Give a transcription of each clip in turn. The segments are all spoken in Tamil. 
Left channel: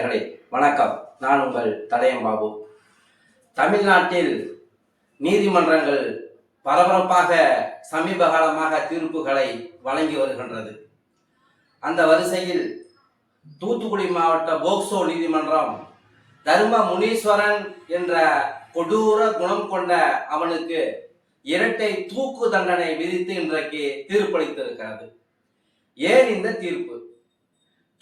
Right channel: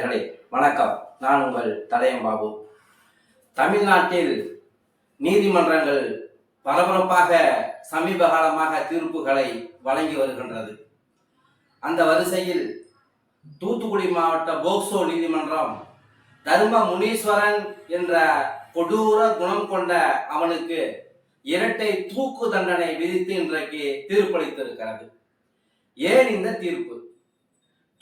நேயர்களே வணக்கம். நான் உங்கள் தடயம் பாபு. தமிழ்நாட்டில் நீதிமன்றங்கள் பரபரப்பாக சமீப காலமாக தீர்ப்புகளை வழங்கி வருகின்றது. அந்த வரிசையில் தூத்துக்குடி மாவட்ட போக்சோ நீதிமன்றம் தர்ம முனீஸ்வரன் என்ற கொடூர குணம் கொண்ட அவனுக்கு இரட்டை தூக்கு தண்டனை விதித்து இன்றைக்கு தீர்ப்பளித்திருக்கிறது. ஏன் இந்த தீர்ப்பு?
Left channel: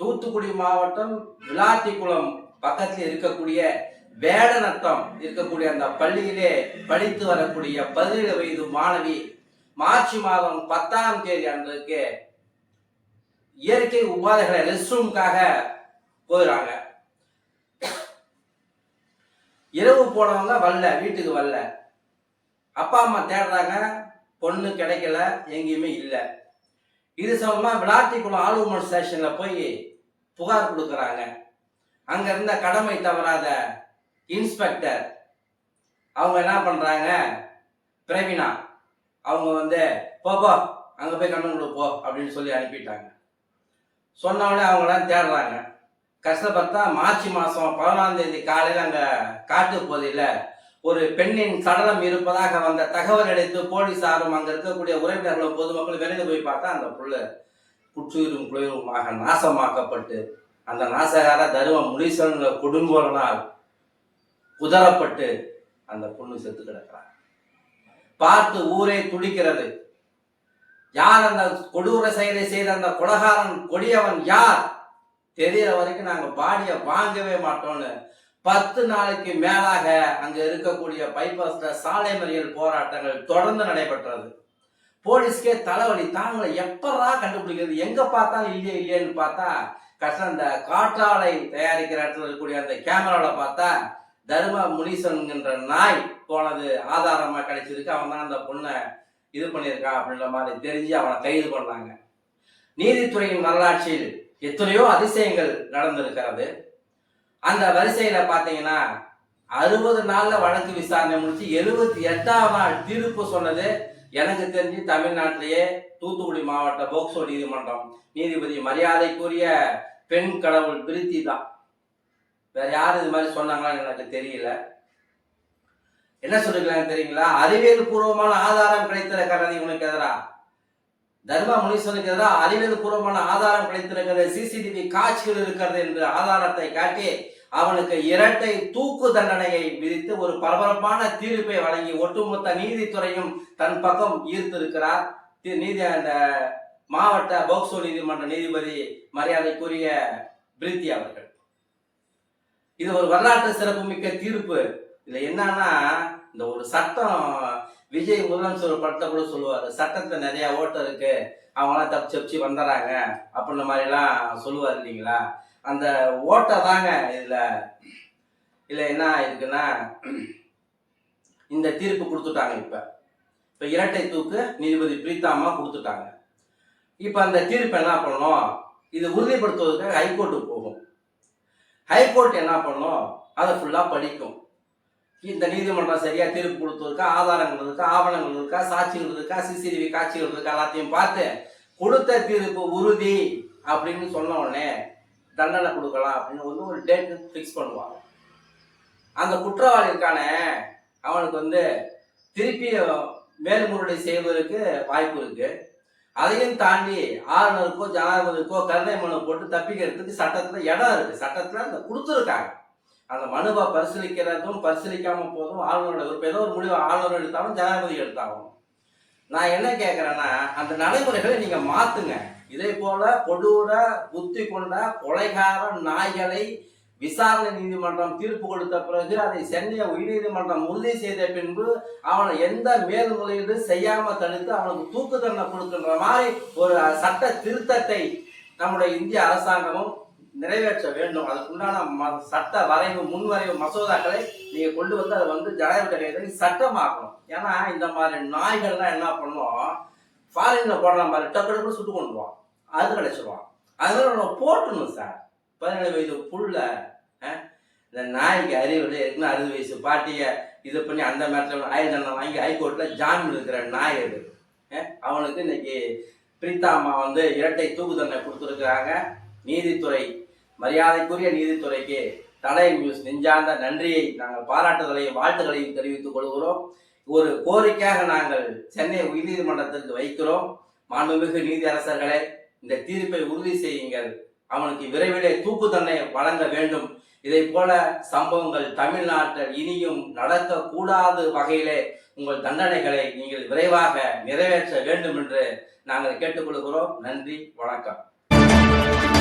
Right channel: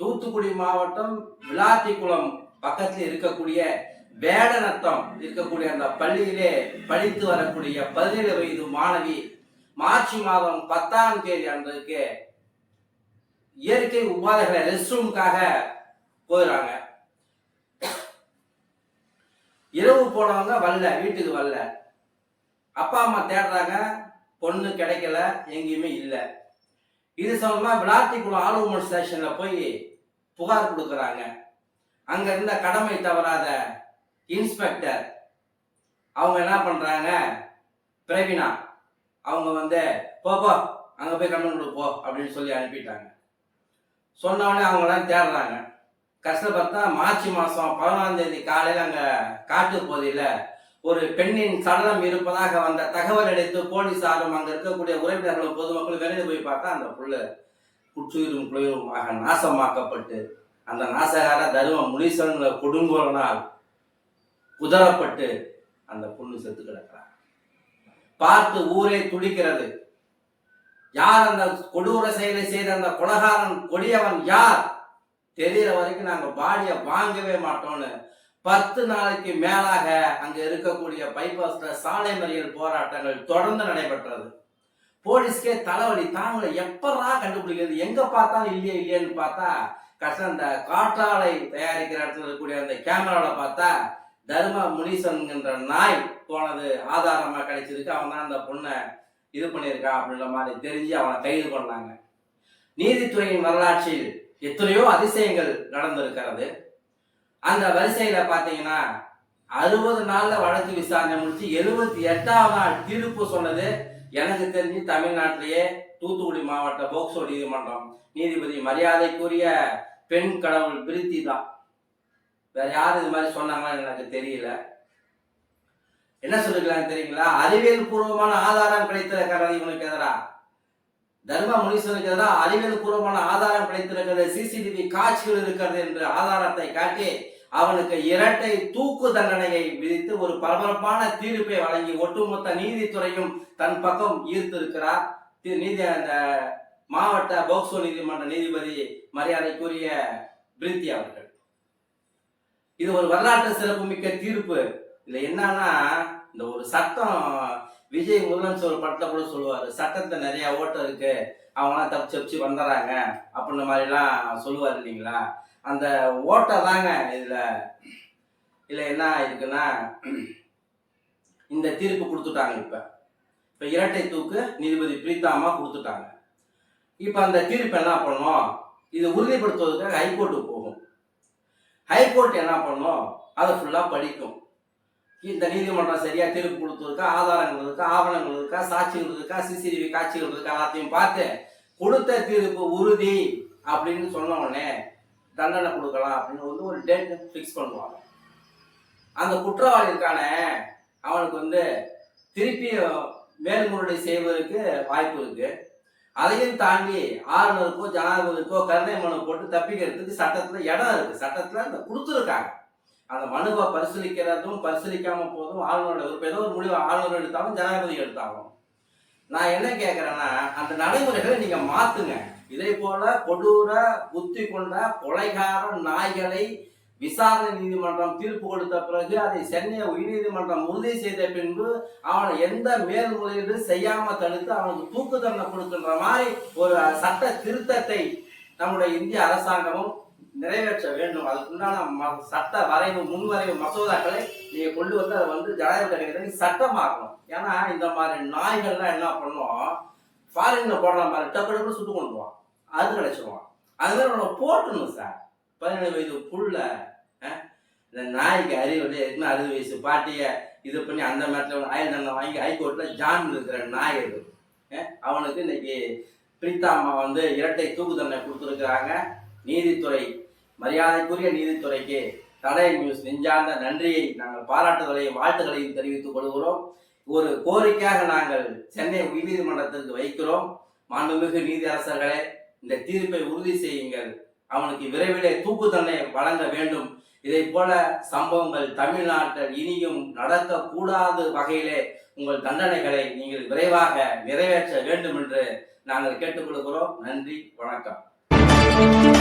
தூத்துக்குடி மாவட்டம் விளாத்திக்குளம் பக்கத்தில் இருக்கக்கூடிய வேடநத்தம் இருக்கக்கூடிய அந்த பள்ளியிலே படித்து வரக்கூடிய 17 வயது மாணவி மார்ச் மாதம் 10ஆம் தேதி அன்றைக்கு இயற்கை உபாதைகளை ரெஸ்ட் ரூமுக்காக போயிடுறாங்க. இரவு போனவங்க வரல, வீட்டுக்கு வரல. அப்பா அம்மா தேடுறாங்க, பொண்ணு கிடைக்கல, எங்கேயுமே இல்லை. இது சம்பந்தமா விளாத்திக்குளம் ஆளுமர் ஸ்டேஷன்ல போய் புகார் கொடுக்குறாங்க. அங்க இருந்த கடமை தவறாத இன்ஸ்பெக்டர் அவங்க என்ன பண்றாங்க, பிரவீனா அவங்க போப்போ அங்க போய் கண்ணு போ அப்படின்னு சொல்லி அனுப்பிட்டாங்க. சொன்னவொடனே அவங்களாம் தேடுறாங்க. கஷ்டப்பட்டா மார்ச் மாதம் 11ஆம் தேதி காலையில் அங்க காட்டு பகுதியில ஒரு பெண்ணின் சடலம் இருப்பதாக வந்த தகவல் அளித்து போலீசாரும் அங்க இருக்கக்கூடிய உறவினர்களும் பொதுமக்களும் விரைந்து போய் பார்த்தா அந்த புள்ள குற்றுயிரும் குளிருமாக நாசமாக்கப்பட்டு அந்த நாசகார தர்ம முனீஸ்வரன் கொடுங்கோலனால் குதறப்பட்டு அந்த பொண்ணு செத்து கிடக்கிறார். பார்த்து ஊரே துடிக்கிறது. யார் அந்த கொடூர செயலை செய்த அந்த கொலகாரன் கொடியவன் யார் தெரியற வரைக்கும் நாங்க பாடிய வாங்கவே மாட்டோம்னு 10 நாளைக்கு மேலாக அங்க இருக்கக்கூடிய பைபாஸ்ல சாலை மறியல் போராட்டங்கள் தொடர்ந்து நடைபெற்றது. போலீஸ்க்கே தலைவலி தாங்களை எப்படா கண்டுபிடிக்கிறது, எங்க பார்த்தாலும் இல்லையேன்னு பார்த்தா கஷ்டம். இந்த காற்றாலை தயாரிக்கிற இடத்துல இருக்கக்கூடிய அந்த கேமரால பார்த்தா தர்ம முனீஸ்வரன் என்ற நாய் போனது ஆதாரமா கிடைச்சிருக்கு. அவன் தான் அந்த பொண்ணை இது பண்ணியிருக்கான் அப்படின்ற மாதிரி தெரிஞ்சு அவனை கைது பண்ணாங்க. நீதித்துறையின் வரலாற்றில் எத்தனையோ அதிசயங்கள் நடந்திருக்கிறது. அந்த வரிசையில பாத்தீங்கன்னா 60 நாள்ல வழக்கு விசாரணை முடிச்சு 78ஆம் நாள் தீர்ப்பு சொன்னது எனக்கு தெரிஞ்சு தமிழ்நாட்டிலேயே தூத்துக்குடி மாவட்ட போக்சோ நீதிமன்றம் நீதிபதி மரியாதைக்குரிய பெண் கடவுள் பிரித்தி தான். வேற யாரும் இது மாதிரி சொன்னாங்கன்னு எனக்கு தெரியல. என்ன சொல்லிருக்கலாம் தெரியுங்களா? அறிவியல் பூர்வமான ஆதாரம் கிடைத்திருக்கிறது இவனுக்கு எதிராக, தர்ம முனீஸ்வரனுக்கு எதிராக அறிவியல் பூர்வமான ஆதாரம் கிடைத்திருக்கிறது, சிசிடிவி காட்சிகள் இருக்கிறது என்று ஆதாரத்தை காட்டி அவனுக்கு இரட்டை தூக்கு தண்டனையை விதித்து ஒரு பரபரப்பான தீர்ப்பை வழங்கி ஒட்டுமொத்த நீதித்துறையும் தன் பக்கம் ஈர்த்திருக்கிறார் அந்த மாவட்ட போக்சோ நீதிமன்ற நீதிபதி மரியாதைக்குரிய பிரித்தி அவர்கள். இது ஒரு வரலாற்று சிறப்புமிக்க தீர்ப்பு. இதுல என்னன்னா, இந்த ஒரு சட்டம் விஜய் முதலமைச்சர் படத்தை கூட சொல்லுவாரு, சட்டத்தை நிறைய ஓட்டம் இருக்கு, அவங்களாம் தப்பிச்சு வந்துடுறாங்க அப்படின்ற மாதிரிலாம் சொல்லுவார் இல்லைங்களா? அந்த ஓட்டை தாங்க இதுல என்ன இருக்குன்னா, இந்த தீர்ப்பு கொடுத்துட்டாங்க. இப்ப இரட்டை தூக்கு நீதிபதி பிரீத்தாமா கொடுத்துட்டாங்க. இப்ப அந்த தீர்ப்பு என்ன பண்ணும், இது உறுதிப்படுத்துவதற்காக ஹைகோர்ட்டுக்கு போகும். ஹைகோர்ட் என்ன பண்ணும், அதை ஃபுல்லா படிக்கும். இந்த நீதிமன்றம் சரியா தீர்ப்பு கொடுத்ததுக்கா, ஆதாரங்கள் இருக்கா, ஆவணங்கள் இருக்கா, சாட்சிகள் இருக்கா, சிசிடிவி காட்சிகள் இருக்கா, எல்லாத்தையும் பார்த்து கொடுத்த தீர்ப்பு உறுதி அப்படின்னு சொன்ன உடனே தண்டனை கொடுக்கலாம் அப்படின்னு ஒரு டேட் ஃபிக்ஸ் பண்ணுவாங்க. அந்த குற்றவாளி இருக்கானே அவனுக்கு திருப்பி மேல்முறையீடு செய்வதற்கு வாய்ப்பு இருக்கு. அதையும் தாண்டி ஆளுநருக்கோ ஜனாதிபதிக்கோ கருணை மனு போட்டு தப்பிக்கிறதுக்கு சட்டத்துல இடம் இருக்கு. சட்டத்துல அந்த கொடுத்துருக்காங்க. அந்த மனுவை பரிசீலிக்கிறதும் பரிசீலிக்காம போதும் ஆளுநரோட விருப்பம். ஏதோ ஒரு முடிவு ஆளுநர் எடுத்தாலும் ஜனாதிபதி எடுத்தாகும். நான் என்ன கேட்கிறேன்னா, அந்த நடைமுறைகளை நீங்க மாத்துங்க. இதே போல கொடூர புத்தி கொண்ட கொலைகார நாய்களை விசாரணை நீதிமன்றம் தீர்ப்பு கொடுத்த பிறகு அதை சென்னை உயர்நீதிமன்றம் உறுதி செய்த பின்பு அவனை எந்த மேல்முறையீடு செய்யாம தடுத்து அவனுக்கு தூக்கு தண்டனை கொடுக்கின்ற மாதிரி ஒரு சட்ட திருத்தத்தை நம்முடைய இந்திய அரசாங்கமும் நிறைவேற்ற வேண்டும். அதுக்குண்டான சட்ட வரைவு முன்வரைவு மசோதாக்களை நீங்க கொண்டு வந்து அதை ஜனாதிபதி சட்டமாக்கணும். ஏன்னா இந்த மாதிரி நாய்கள்லாம் என்ன பண்ணுவோம், ஃபாரின்ல போடுற மாதிரி டக்கு சுட்டு கொண்டுவான், அது கிடைச்சிருவான். அது மாதிரி நம்ம போட்டணும் சார். 17 வயது புள்ள இந்த நாய்க்கு அறிவு இருக்குன்னு 60 வயசு பாட்டிய இது பண்ணி அந்த நேரத்தில் ஆயுள் தண்டனை வாங்கி ஹைகோர்ட்ல ஜாமீன் இருக்கிற நாய் அது. அவனுக்கு இன்னைக்கு பிரீத்தாம்மா இரட்டை தூக்கு தண்டனை கொடுத்துருக்குறாங்க. நீதித்துறை மரியாதைக்குரிய நீதித்துறைக்கு தடை நியூஸ் நெஞ்சார்ந்த நன்றியை நாங்கள் பாராட்டுதலையும் வாழ்த்துக்களையும் தெரிவித்துக் கொள்கிறோம். ஒரு கோரிக்கையாக நாங்கள் சென்னை உயர்நீதிமன்றத்திற்கு வைக்கிறோம். மாண்புமிகு நீதியரசர்களே, இந்த தீர்ப்பை உறுதி செய்யுங்கள். அவனுக்கு விரைவிலே தூக்கு தண்டனை வழங்க வேண்டும். இதை போல சம்பவங்கள் தமிழ்நாட்டில் இனியும் நடக்கக்கூடாது வகையிலே உங்கள் தண்டனைகளை நீங்கள் விரைவாக நிறைவேற்ற வேண்டும் என்று நாங்கள் கேட்டுக்கொள்கிறோம். நன்றி, வணக்கம்.